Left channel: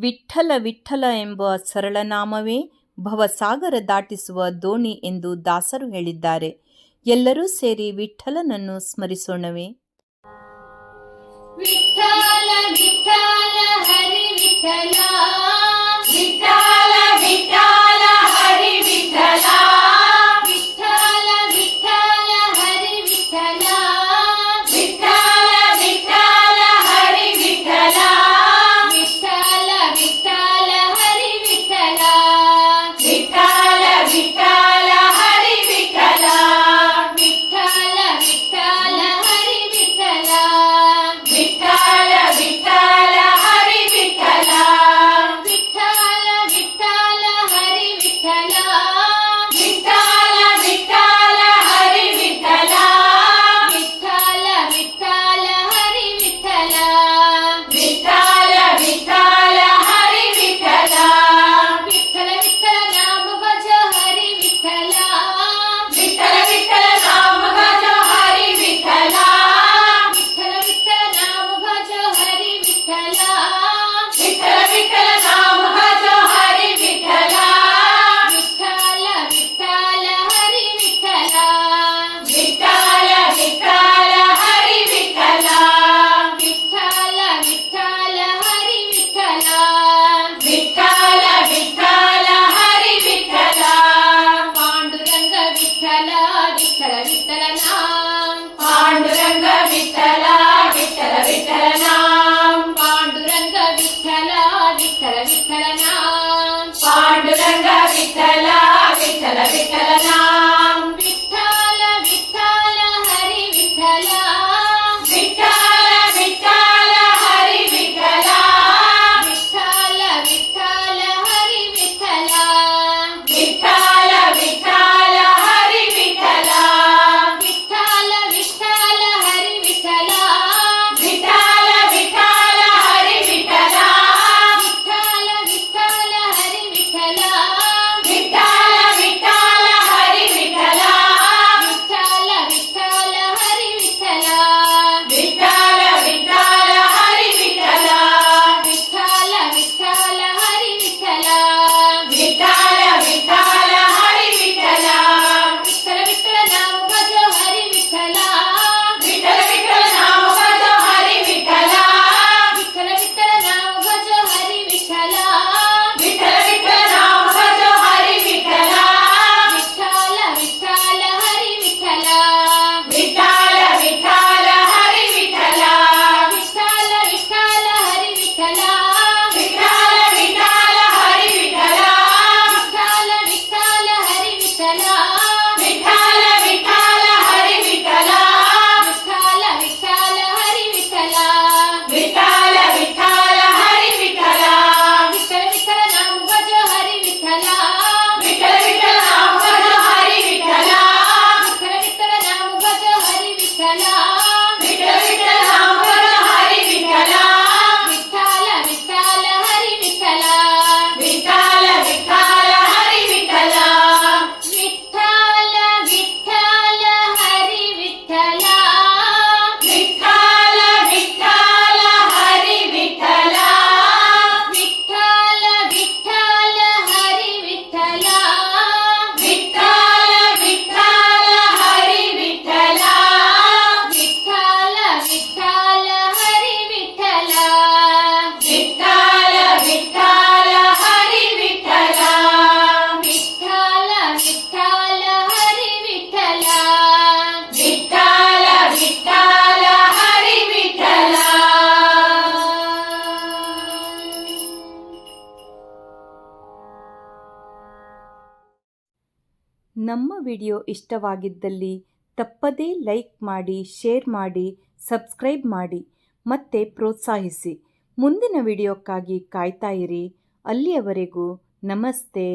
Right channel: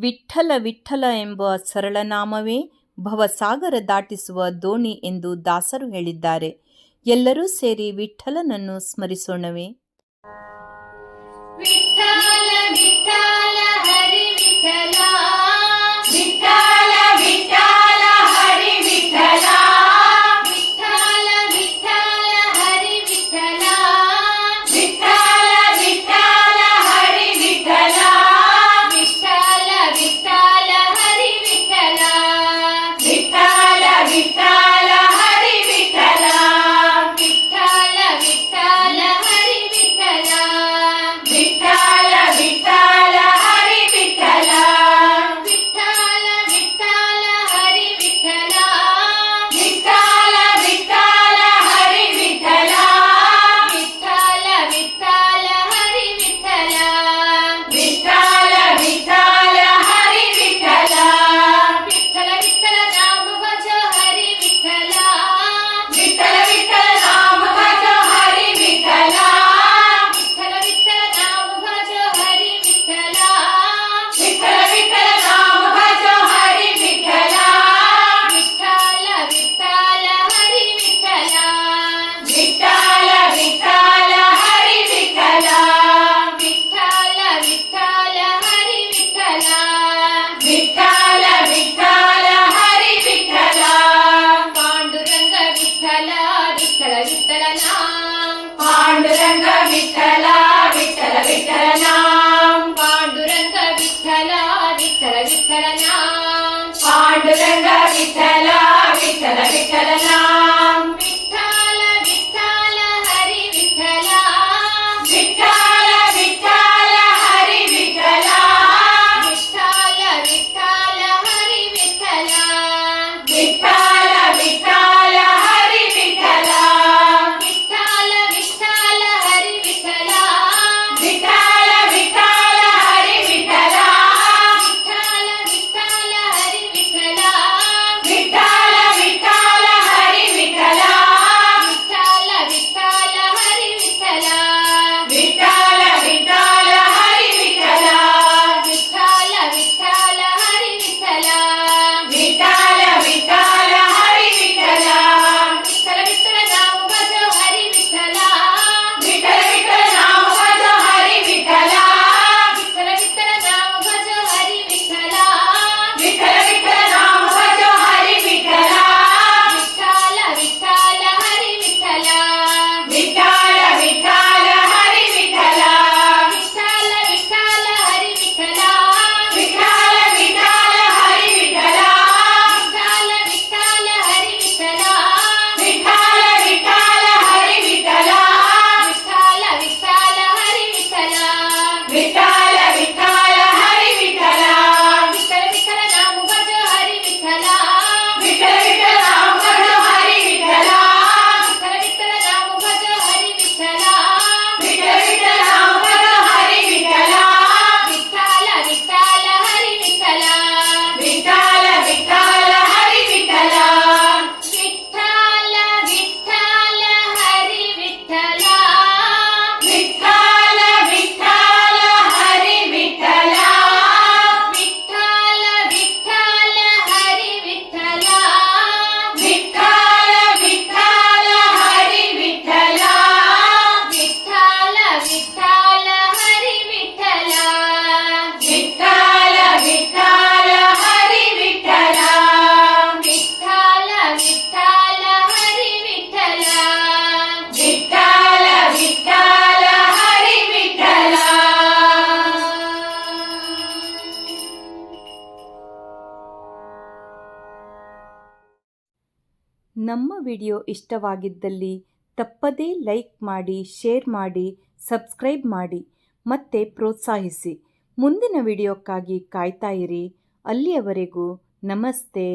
ವಿಠ್ಠಲ ವಿಠ್ಠಲ ಎಂಬ ಸರಳನಾಮವೇ ಭವಸಾಗರ ದಾಟಿಸುವ ದೋಣಿ ಎಂದು ದಾಸರು ಹೇಳಿದ್ದಾರೆ. ಎಲ್ಲರೂ ಸೇರಿ ವಿಠ್ಠಲನನ್ನು ಸ್ಮರಿಸೋಣವೇ? ವಿಠ್ಠಲ ವಿಠ್ಠಲ ಹರಿ ವಿಠ್ಠಲ, ವಿಠ್ಠಲ ವಿಠ್ಠಲ ಹರಿ ವಿಠ್ಠಲ, ವಿಠ್ಠಲ ವಿಠ್ಠಲ ಹರಿ ವಿಠ್ಠಲ, ವಿಠ್ಠಲ ವಿಠ್ಠಲ ಹರಿ ವಿಠ್ಠಲ, ವಿಠ್ಠಲ ವಿಠ್ಠಲ ಹರಿ ವಿಠ್ಠಲ, ವಿಠ್ಠಲ ವಿಠ್ಠಲ ಹರಿ ವಿಠ್ಠಲ, ವಿಠ್ಠಲ ವಿಠ್ಠಲ ಹರಿ ವಿಠ್ಠಲ, ವಿಠ್ಠಲ ವಿಠ್ಠಲ ಹರಿ ವಿಠ್ಠಲ, ವಿಠ್ಠಲ ವಿಠ್ಠಲ ಹರಿ ವಿಠ್ಠಲ, ವಿಠ್ಠಲ ವಿಠ್ಠಲ ಹರಿ ವಿಠ್ಠಲ, ವಿಠ್ಠಲ ವಿಠ್ಠಲ ಹರಿ ವಿಠ್ಠಲ, ವಿಠ್ಠಲ ವಿಠ್ಠಲ ಹರಿ ವಿಠ್ಠಲ, ವಿಠ್ಠಲ ವಿಠ್ಠಲ ನಾಮ ಭಜ ಹರಿ ವಿಠ್ಠಲ, ವಿಠ್ಠಲ ವಿಠ್ಠಲ ನಾಮ ಭಜ ಹರಿ ವಿಠ್ಠಲ, ವಿಠ್ಠಲ ವಿಠ್ಠಲ ನಾಮ ಭಜ ಹರಿ ವಿಠ್ಠಲ, ವಿಠ್ಠಲ ವಿಠ್ಠಲ ನಾಮ ಭಜ ಹರಿ ವಿಠ್ಠಲ, ವಿಠ್ಠಲ ವಿಠ್ಠಲ ಹರಿ ವಿಠ್ಠಲ, ವಿಠ್ಠಲ ವಿಠ್ಠಲ ಹರಿ ವಿಠ್ಠಲ, ವಿಠ್ಠಲ ವಿಠ್ಠಲ ಹರಿ ವಿಠ್ಠಲ, ವಿಠ್ಠಲ ವಿಠ್ಠಲ ಹರಿ ವಿಠ್ಠಲ, ಪಾಂಡುರಂಗ ವಿಠ್ಠಲ ವಿಠ್ಠಲ ವಿಠ್ಠಲ ನಾಮ, ಪಾಂಡುರಂಗ ವಿಠ್ಠಲ ವಿಠ್ಠಲ ವಿಠ್ಠಲ ನಾಮ, ಪಾಂಡುರಂಗ ವಿಠ್ಠಲ ವಿಠ್ಠಲ ವಿಠ್ಠಲ ನಾಮ, ಪಾಂಡುರಂಗ ವಿಠ್ಠಲ ವಿಠ್ಠಲ ವಿಠ್ಠಲ ನಾಮ, ವಿಠ್ಠಲ ವಿಠ್ಠಲ ಹರಿ ವಿಠ್ಠಲ, ವಿಠ್ಠಲ ವಿಠ್ಠಲ ಹರಿ ವಿಠ್ಠಲ, ವಿಠ್ಠಲ ವಿಠ್ಠಲ ಹರಿ ವಿಠ್ಠಲ, ವಿಠ್ಠಲ ವಿಠ್ಠಲ ಹರಿ ವಿಠ್ಠಲ, ವಿಠ್ಠಲ ವಿಠ್ಠಲ ಹರಿ ವಿಠ್ಠಲ, ವಿಠ್ಠಲ ವಿಠ್ಠಲ ಹರಿ ವಿಠ್ಠಲ, ವಿಠ್ಠಲ ವಿಠ್ಠಲ ಹರಿ ವಿಠ್ಠಲ, ವಿಠ್ಠಲ ವಿಠ್ಠಲ ಹರಿ ವಿಠ್ಠಲ, ವಿಠ್ಠಲ ವಿಠ್ಠಲ ಹರಿ ವಿಠ್ಠಲ, ವಿಠ್ಠಲ ವಿಠ್ಠಲ ಹರಿ ವಿಠ್ಠಲ, ವಿಠ್ಠಲ ವಿಠ್ಠಲ ಹರಿ ವಿಠ್ಠಲ, ವಿಠ್ಠಲ ವಿಠ್ಠಲ ಹರಿ ವಿಠ್ಠಲ, ವಿಠ್ಠಲ ವಿಠ್ಠಲ ನಾಮ ಭಜ ಹರಿ ವಿಠ್ಠಲ, ವಿಠ್ಠಲ ವಿಠ್ಠಲ ನಾಮ ಭಜ ಹರಿ ವಿಠ್ಠಲ, ವಿಠ್ಠಲ ವಿಠ್ಠಲ ನಾಮ ಭಜ ಹರಿ ವಿಠ್ಠಲ, ವಿಠ್ಠಲ ವಿಠ್ಠಲ ನಾಮ ಭಜ ಹರಿ ವಿಠ್ಠಲ, ವಿಠ್ಠಲ ವಿಠ್ಠಲ ಹರಿ ವಿಠ್ಠಲ, ವಿಠ್ಠಲ ವಿಠ್ಠಲ ಹರಿ ವಿಠ್ಠಲ, ವಿಠ್ಠಲ ವಿಠ್ಠಲ ಹರಿ ವಿಠ್ಠಲ, ವಿಠ್ಠಲ ವಿಠ್ಠಲ ಹರಿ ವಿಠ್ಠಲ, ವಿಠ್ಠಲ ವಿಠ್ಠಲ ಹರಿ ವಿಠ್ಠಲ, ವಿಠ್ಠಲ ವಿಠ್ಠಲ ಹರಿ ವಿಠ್ಠಲ, ವಿಠ್ಠಲ ವಿಠ್ಠಲ ಹರಿ ವಿಠ್ಠಲ, ವಿಠ್ಠಲ ವಿಠ್ಠಲ ಹರಿ ವಿಠ್ಠಲ, ವಿಠ್ಠಲ ವಿಠ್ಠಲ ನಾಮ ಭಜ ಹರಿ ವಿಠ್ಠಲ, ವಿಠ್ಠಲ ವಿಠ್ಠಲ ನಾಮ ಭಜ ಹರಿ ವಿಠ್ಠಲ, ವಿಠ್ಠಲ ವಿಠ್ಠಲ ನಾಮ ಭಜ ಹರಿ ವಿಠ್ಠಲ, ವಿಠ್ಠಲ ವಿಠ್ಠಲ ನಾಮ ಭಜ ಹರಿ ವಿಠ್ಠಲ, ವಿಠ್ಠಲ ವಿಠ್ಠಲ ಹರಿ ವಿಠ್ಠಲ, ವಿಠ್ಠಲ ವಿಠ್ಠಲ ಹರಿ ವಿಠ್ಠಲ, ವಿಠ್ಠಲ ವಿಠ್ಠಲ ಹರಿ ವಿಠ್ಠಲ, ವಿಠ್ಠಲ ವಿಠ್ಠಲ ಹರಿ ವಿಠ್ಠಲ, ವಿಠ್ಠಲ ವಿಠ್ಠಲ ಹರಿ ವಿಠ್ಠಲ, ವಿಠ್ಠಲ ವಿಠ್ಠಲ ಹರಿ ವಿಠ್ಠಲ, ವಿಠ್ಠಲ ವಿಠ್ಠಲ ಹರಿ ವಿಠ್ಠಲ, ವಿಠ್ಠಲ ವಿಠ್ಠಲ ಹರಿ ವಿಠ್ಠಲ, ವಿಠ್ಠಲ ವಿಠ್ಠಲ ಹರಿ ವಿಠ್ಠಲ, ವಿಠ್ಠಲ ವಿಠ್ಠಲ ಹರಿ ವಿಠ್ಠಲ. ನಮ್ಮ ವಿಡಿಯೋ ಇಷ್ಟವಾಗಿದ್ದಲ್ಲಿ ತಪ್ಪದೇ ಲೈಕ್ ಮಾಡಿ, ಶೇರ್ ಮಾಡಿ, ಸಬ್ಸ್ಕ್ರೈಬ್ ಮಾಡಿ ಮತ್ತೆ ಪ್ರೋತ್ಸಾಹಿಸಿ. ಮುಂದಿನ ವಿಡಿಯೋಕ್ಕಾಗಿ ಕಾಯ್ತಾ ಇರಿ. ಅಲ್ಲಿಯವರೆಗೂ ನಮಸ್ತೆ.